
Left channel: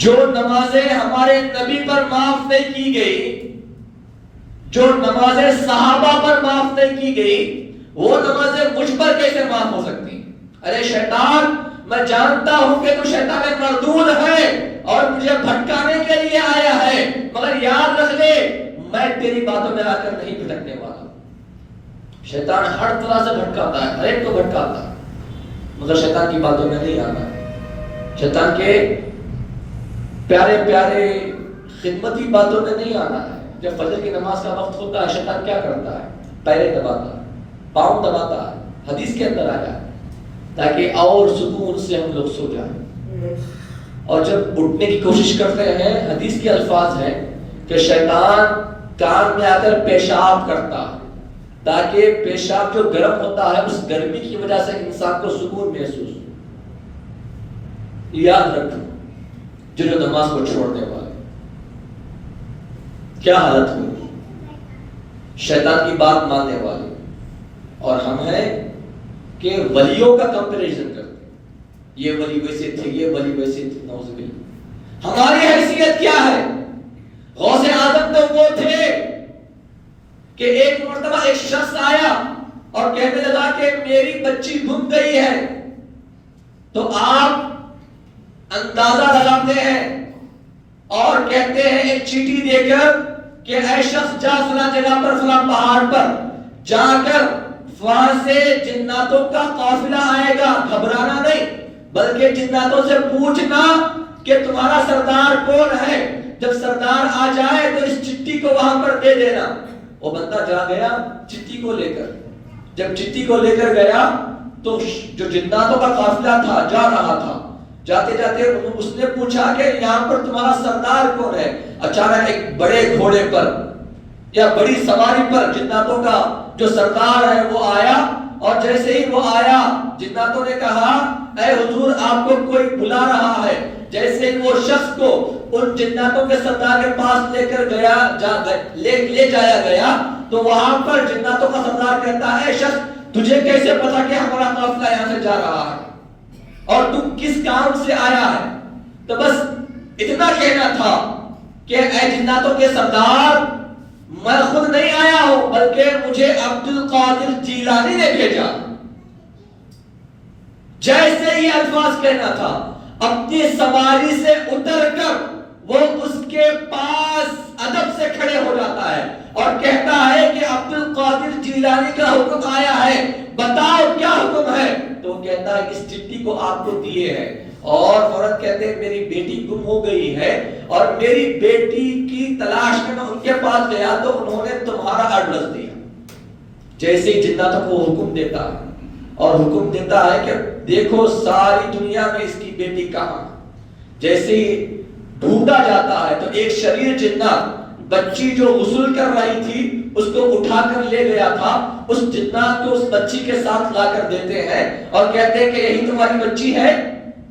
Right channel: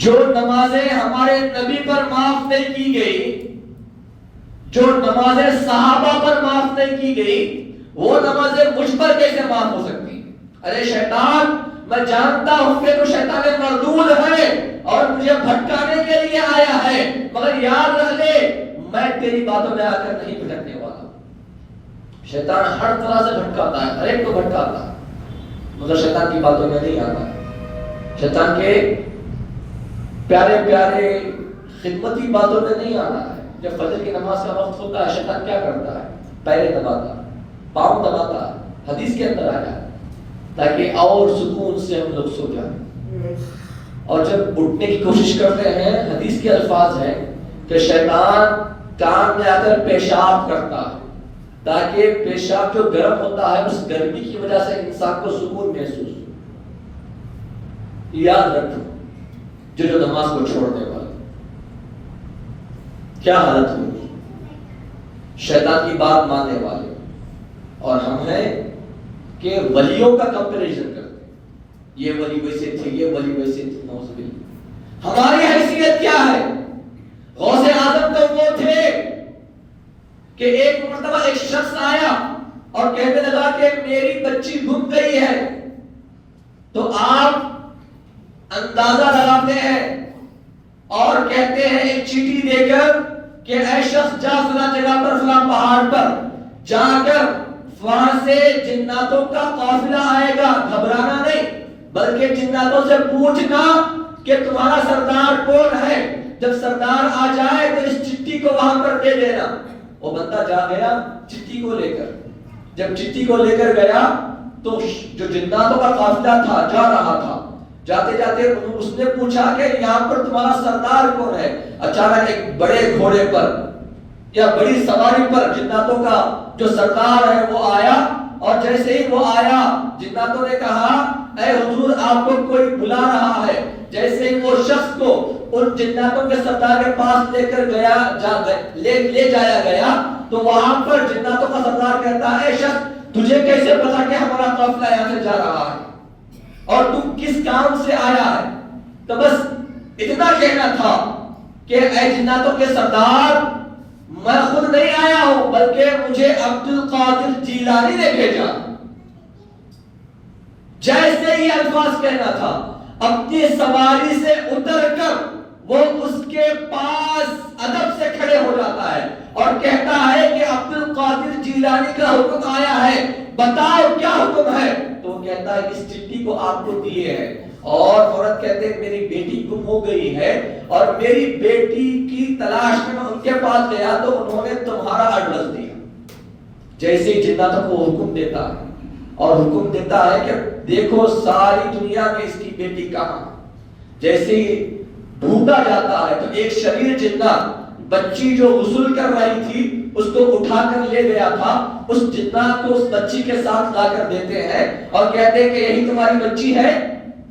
جو نمازیں ہمارے نبی پر معاف نہیں کی گئی، جو نمازیں صحابہ پر معاف نہیں کی گئی، وہ نمازیں مجھ پر کیسے معاف ہو سکتی؟ ارے شیطان، میں جانتا ہوں کہ تو شیطان مردود ہے اور مجھے بھٹکانے کے لیے آیا ہے، مگر یاد رکھ لے میں تیری باتوں میں آ کر نہیں بھٹکنے والا. شیطان ہر طرح سے بھٹکاتا ہے، ہر ایک کو بھٹکاتا ہے، مگر شیطان کی باتوں میں نہیں آنا ہے. شیطان کے پیارے پیارے خدمتی باتوں میں نہیں آنا ہے. جب فجر کی نماز کا وقت ہوتا ہے، شیطان کیا کرتا ہے؟ پیرے دباتا ہے، پاؤں دباتا ہے. حدیث کے اندر آیا تاکہ اور سکون سے ہم لوگ سو جائیں. اور جب اٹھنے کی کوشش کرتے ہیں، حدیث کے الفاظ ہیں کہ شیطان کان میں آ کر پیشاب کرتا ہے تاکہ پیشاب جو گرم ہوتا ہے اس گرمی کی وجہ سے انسان کو سکون محسوس ہو. یاد رکھو جو نماز کو چھوڑنے والے کیا حالت ہوگی. شیطان کی بات ماننے والے. اور ہم ہیں کہ ولیوں کا کمپیریزن کرتے. یہ ولی ویسے تھے، یہ ولی ویسے تھے، نعوذ باللہ۔ ہماری حیثیت کیا ہے؟ غوث اعظم تو وہ تھے کہ ایک مرتبہ ایک شخص آیا اور کہنے لگا کہ میری بچی گم گئی ہے، تو آپ اندازہ لگاتے ہیں اور کہتے ہیں ایک چیٹھی دے کر کہ اے شخص جا فلاں جگہ پر، فلاں پہاڑ پر جا کر وہاں سے جناتوں کا قافلہ آئے گا، گھبرانا نہیں بلکہ جناتوں سے پوچھنا کہ تمہارا سردار کون ہے، جب سردار آ جائے تو اس چٹھی کو وہاں پر دے دینا۔ وہ بندہ جا گیا چٹھی کو لے کر، جب چٹھی کو لے کر گیا تو جو جناتوں کا قافلہ تھا جا رہا تھا، جاتے جاتے اس نے پوچھا کہ یہاں پر تمہارا سردار کون ہے؟ اچانک ایک بڑے گھوڑے پر یا بڑی سواری پر جناتوں کا جو سردار ہے وہ آیا، اور جیسے ہی وہ آیا جناتوں نے کہا اے حضور آپ کو کوئی بلا رہا ہے۔ جیسے ہی وہ شخص کو ان جناتوں کے سردار کے پاس لے کر گیا لے جایا گیا تو وہاں پر جناتوں کا سردار کہتا ہے اے شخص تجھے کیسے پتا کہ ہمارا قافلہ یہاں سے جا رہا ہے اور تم کس کام سے آیا ہے؟ تو بس اتنا کہنا تھا کہ اے جناتوں کے سردار میں خود نہیں آیا ہوں بلکہ مجھے عبد القادر جیلانی نے بھیجا۔ جیسے ہی الفاظ کہنا تھا اپنی سواری سے اتر کر وہ اس کے پاس ادب سے کھڑے ہو جاتا ہے اور کہتا ہے کہ عبد القادر جیلانی کا حکم آیا ہے، بتاؤ کیا حکم ہے؟ تو وہ کہتا ہے اس چٹھی کو آپ کو دیے ہے، اور عورت کہتے ہیں میری بیٹی گم ہو گئی ہے اور میری بیٹی کی تلاش میں ان کے پاس گیا تو انہوں نے تمہارا ایڈریس دیا۔ جیسے ہی جناتوں کو حکم دیتا ہے اور حکم دیتا ہے کہ دیکھو ساری دنیا میں اس کی بیٹی کہاں ہے، جیسے ہی ڈھونڈا جاتا ہے تو ایک شریر جنات بچی جو غسل کر رہی تھی اس کو اٹھا کر لے گیا تھا، اس جنات کو اس بچی کے ساتھ لا کر دیتے ہیں اور کہتے ہیں کہ یہی تمہاری بچی ہے؟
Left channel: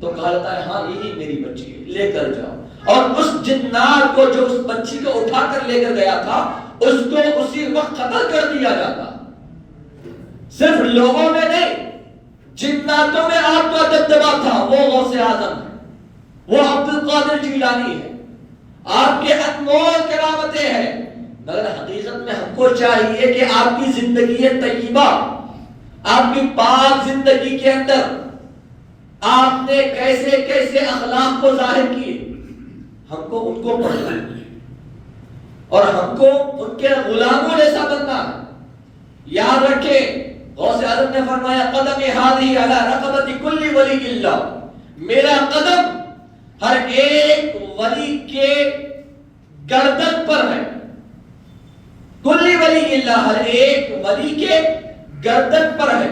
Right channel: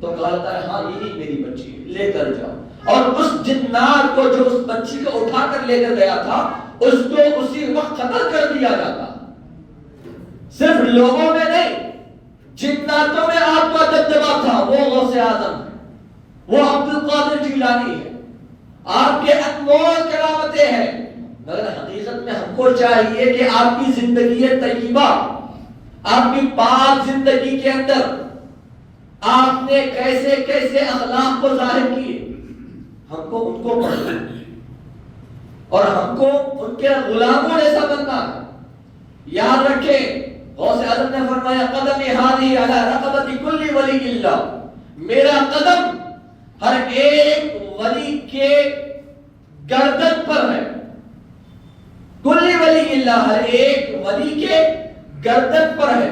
تو کہتا ہے ہاں یہی میری بچی ہے، لے کر جاؤ۔ اور اس جنات کو جو اس بچی کو اٹھا کر لے کر گیا تھا اس کو اسی وقت قتل کر دیا جاتا۔ صرف لوگوں میں نہیں جناتوں میں آپ کا دبدبا تھا، وہ غوث اعظم ہے، وہ عبد القادر جیلانی ہے، آپ کے انمول کرامتیں ہیں، مگر حقیقت میں ہم کو چاہیے کہ آپ کی زندگی طیبہ، آپ کی پاک زندگی کے اندر آپ نے کیسے کیسے اخلاق کو ظاہر کیے، ہم کو ان کو پڑھنا اور ہم کو ان کے غلاموں جیسا بننا۔ یاد رکھیں غوث اعظم نے فرمایا قدم ہذه علی رقبۃ کل ولی اللہ، میرا قدم ہر ایک ولی کے گردن پر ہے، کل ولی اللہ ہر ایک ولی کے گردن پر ہے۔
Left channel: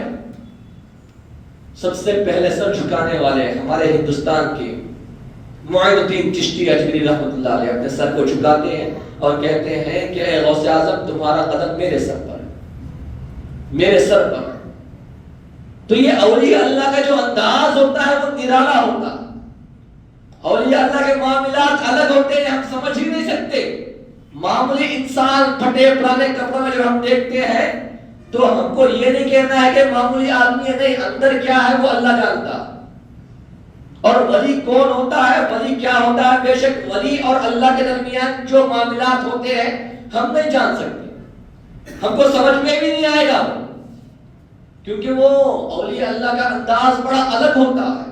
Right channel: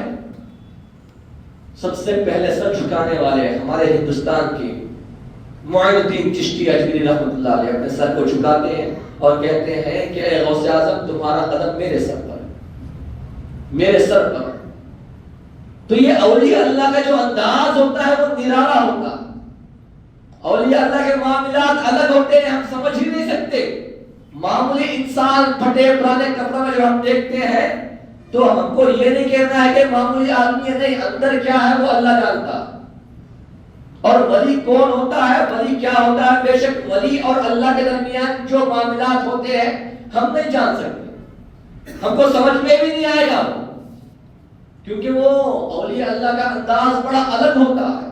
سب سے پہلے سر جھکانے والے ہمارے ہندوستان کے معین الدین چشتی اجمیری رحمۃ اللہ علیہ اپنے سر کو جھکاتے ہیں اور کہتے ہیں کہ اے غوث اعظم تمہارا قدم میرے سر پر ہے، میرے سر پر۔ تو یہ اولیاء اللہ کا جو انداز ہوتا ہے وہ نرالا ہوتا ہے۔ اولیاء اللہ کے معاملات الگ ہوتے ہیں، ہم سمجھ ہی نہیں سکتے۔ معمولی انسان پھٹے پرانے کپڑوں میں جو ہم دیکھتے ہیں تو ہم کو یہ نہیں کہنا ہے کہ معمولی آدمی ہے، نہیں، اندر کیا ہے وہ اللہ جانتا۔ اور ولی کون ہوتا ہے، ولی کیا ہوتا ہے، بے شک ولی اور اللہ کے درمیان جو معاملات ہوتے ہیں ہم نہیں جان سکتے، ہم کو سمجھ میں بھی نہیں آئے گا، کیونکہ وہ اولیاء اللہ کا انداز بڑا الگ ہوتا ہے۔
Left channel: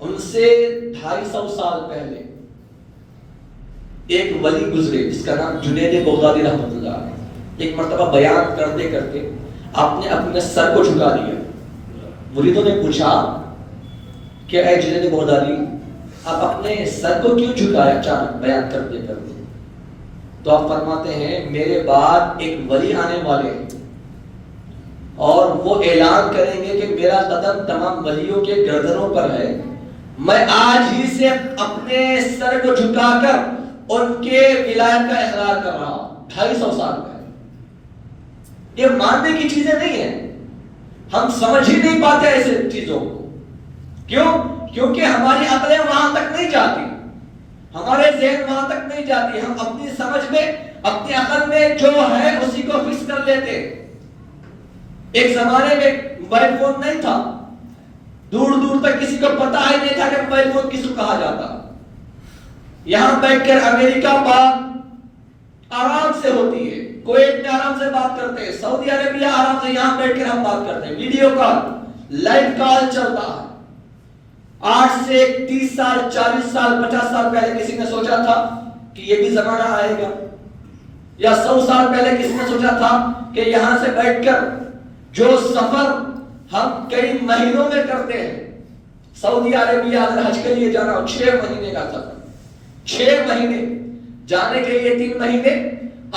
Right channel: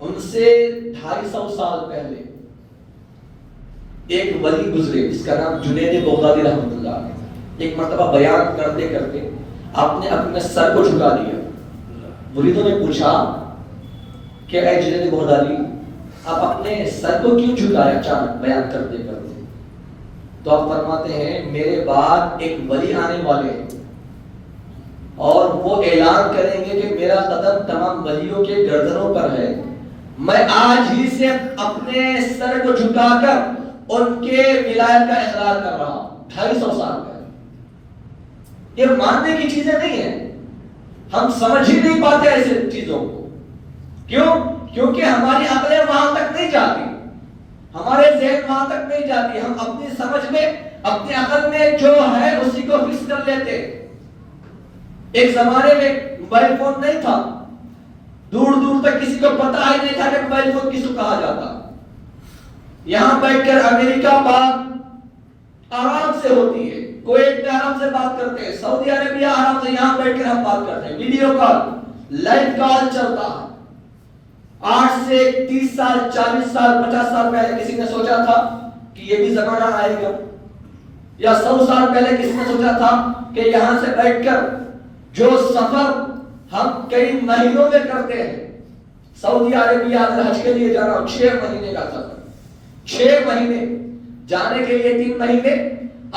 ان سے 250 سال پہلے ایک ولی گزرے جس کا نام جنید بغدادی رحمۃ اللہ علیہ، ایک مرتبہ بیان کرتے کرتے آپ نے اپنے سر کو جھکا دیا۔ مریدوں نے پوچھا کہ اے جنید بغدادی آپ اپنے سر کو کیوں جھکایا اچانک بیان کرتے کرتے؟ تو آپ فرماتے ہیں میرے بعد ایک ولی آنے والے ہیں اور وہ اعلان کریں گے کہ میرا قدم تمام ولیوں کے گردنوں پر ہے، میں آج ہی سے اپنے سر کو جھکا کر ان کے ولایت کا اقرار کر رہا ہوں۔ 250 سال پہلے یہ ماننے کی چیزیں نہیں ہیں، ہم سمجھ ہی نہیں پاتے ایسے چیزوں کو۔ کیوں؟ کیونکہ ہماری عقلیں وہاں تک نہیں جاتی، ہمارے ذہن وہاں تک نہیں جاتی، ہم اپنی سمجھ میں اپنی عقل میں جو ہے اسی کو فکس کر لیتے۔ ایک زمانے میں موبائل فون نہیں تھا، دور دور تک کسی کو پتا ہی نہیں تھا کہ موبائل فون کس کو کہا جاتا. یہاں بیٹھ کر امریکہ بات آرام سے ہوتی ہے, کویت میں آرام سے بات کرتے ہیں, سعودی عربیہ آرام سے یہاں بیٹھ کر ہم بات کرتے ہیں, ویڈیو کال لائیو کال چلتا ہے. آج سے 30 سال 40 سال 50 سال پہلے کسی نے سوچا تھا کہ یہ بھی زمانہ آئے گا؟ یا 100 سال پہلے کسی نے سوچا تھا کہ یہاں سے بیٹھ کر جو سفر ہم کئی مہینوں میں کرتے ہیں, سعودی عربیہ حج کے لیے جا رہا ہوں 6 مہینے کا سفر, 6 مہینے جانے کے لیے 3 مہینے,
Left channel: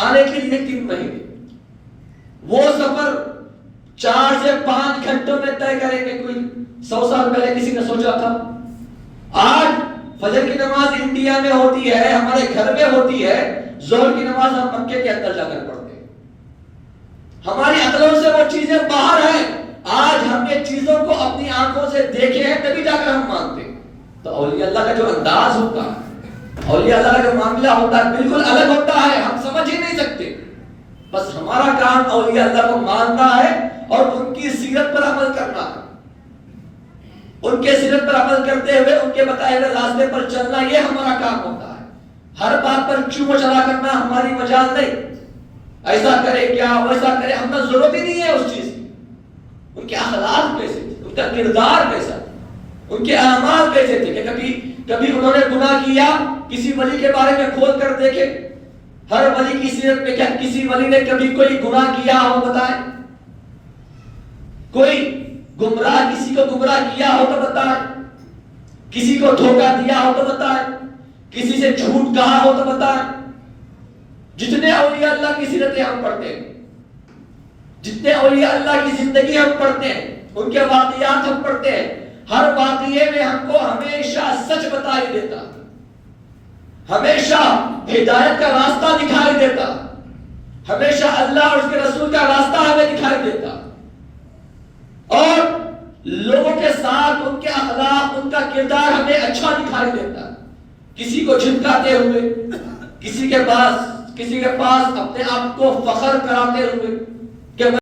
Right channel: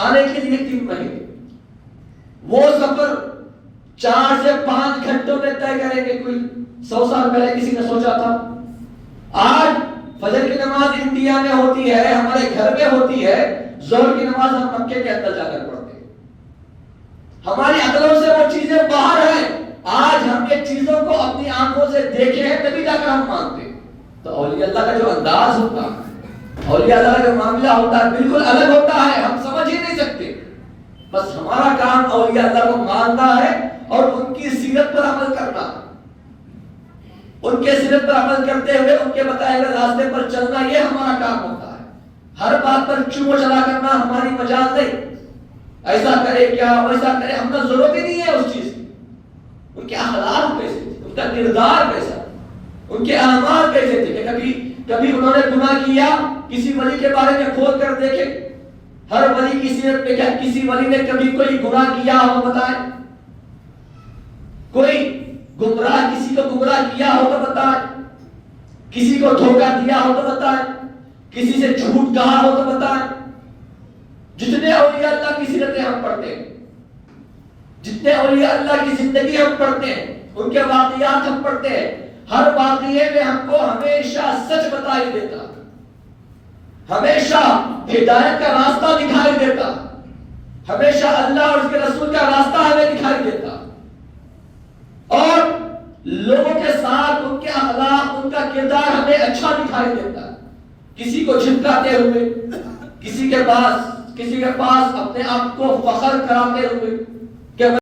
آنے کے لیے 3 مہینے, وہ سفر 4 سے 5 گھنٹوں میں طے کریں گے. کوئی 100 سال پہلے کسی نے سوچا تھا؟ آج فجر کی نماز انڈیا میں ہوتی ہے, ہمارے گھر میں ہوتی ہے, ظہر کی نماز ہم مکے کے اندر جا کر پڑھتے ہیں. ہماری عقلوں سے وہ چیزیں باہر ہیں. آج ہم یہ چیزوں کو اپنی آنکھوں سے دیکھے ہیں تبھی جا کر ہم مانتے ہیں. تو اولیاء اللہ کا جو انداز ہوتا ہے, اولیاء اللہ کا جو معاملہ ہوتا ہے بالکل الگ ہوتا ہے, ہم سمجھ ہی نہیں سکتے. بس ہمارا کام اولیاء اللہ کو ماننا ہے اور ان کی سیرت پر عمل کرنا ہے. ان کے سیرت پر عمل کرتے ہوئے ان کے بتائے ہوئے راستے پر چلنا, یہ ہمارا کام ہوتا ہے. ہر بات پر چوم چلا کرنا ہماری مجال نہیں. ایسا کرے کیا, ویسا کرے, ہمیں ضرورت ہی نہیں ہے اس چیز کی. ان کے اخلاق کیسے تھے, ان کا کردار کیسا تھا, ان کے اعمال کیسے تھے کہ کبھی انہوں نے گناہ کیا, کسی ولی کے بارے میں کھول کر دیکھے. ہر ولی کی سیرت میں کیا کسی ولی نے کبھی کوئی گناہ کیا ہو بتائیں؟ کوئی گمراہ کسی کو گمراہ کیا ہو تو بتائیں, کسی کو دھوکہ دیا ہو تو بتائیں, کسی سے جھوٹ کہا ہو تو بتائیں. جتنے اولیاء اللہ کی سیرتیں ہم پڑھتے ہیں, جتنے اولیاء اللہ کی زندگی ہم پڑھتے ہیں, ان کے واقعات ہم پڑھتے ہیں, ہر واقعے میں ہم کو ہمیشہ سچ بتائی دیتا, ہمیشہ ہدایت کا راستہ دکھائی دیتا, ہمیشہ اللہ اور اس کے رسول کا راستہ ہمیں دکھائی دیتا, اور لوگوں کے ساتھ ان کے اخلاق, ان کا کردار ہمیں اچھا دکھائی دیتا. کسی کو جھٹکاتے ہوئے, کسی کے پاس اپنے آپ کو فخر کراتے ہوئے کہ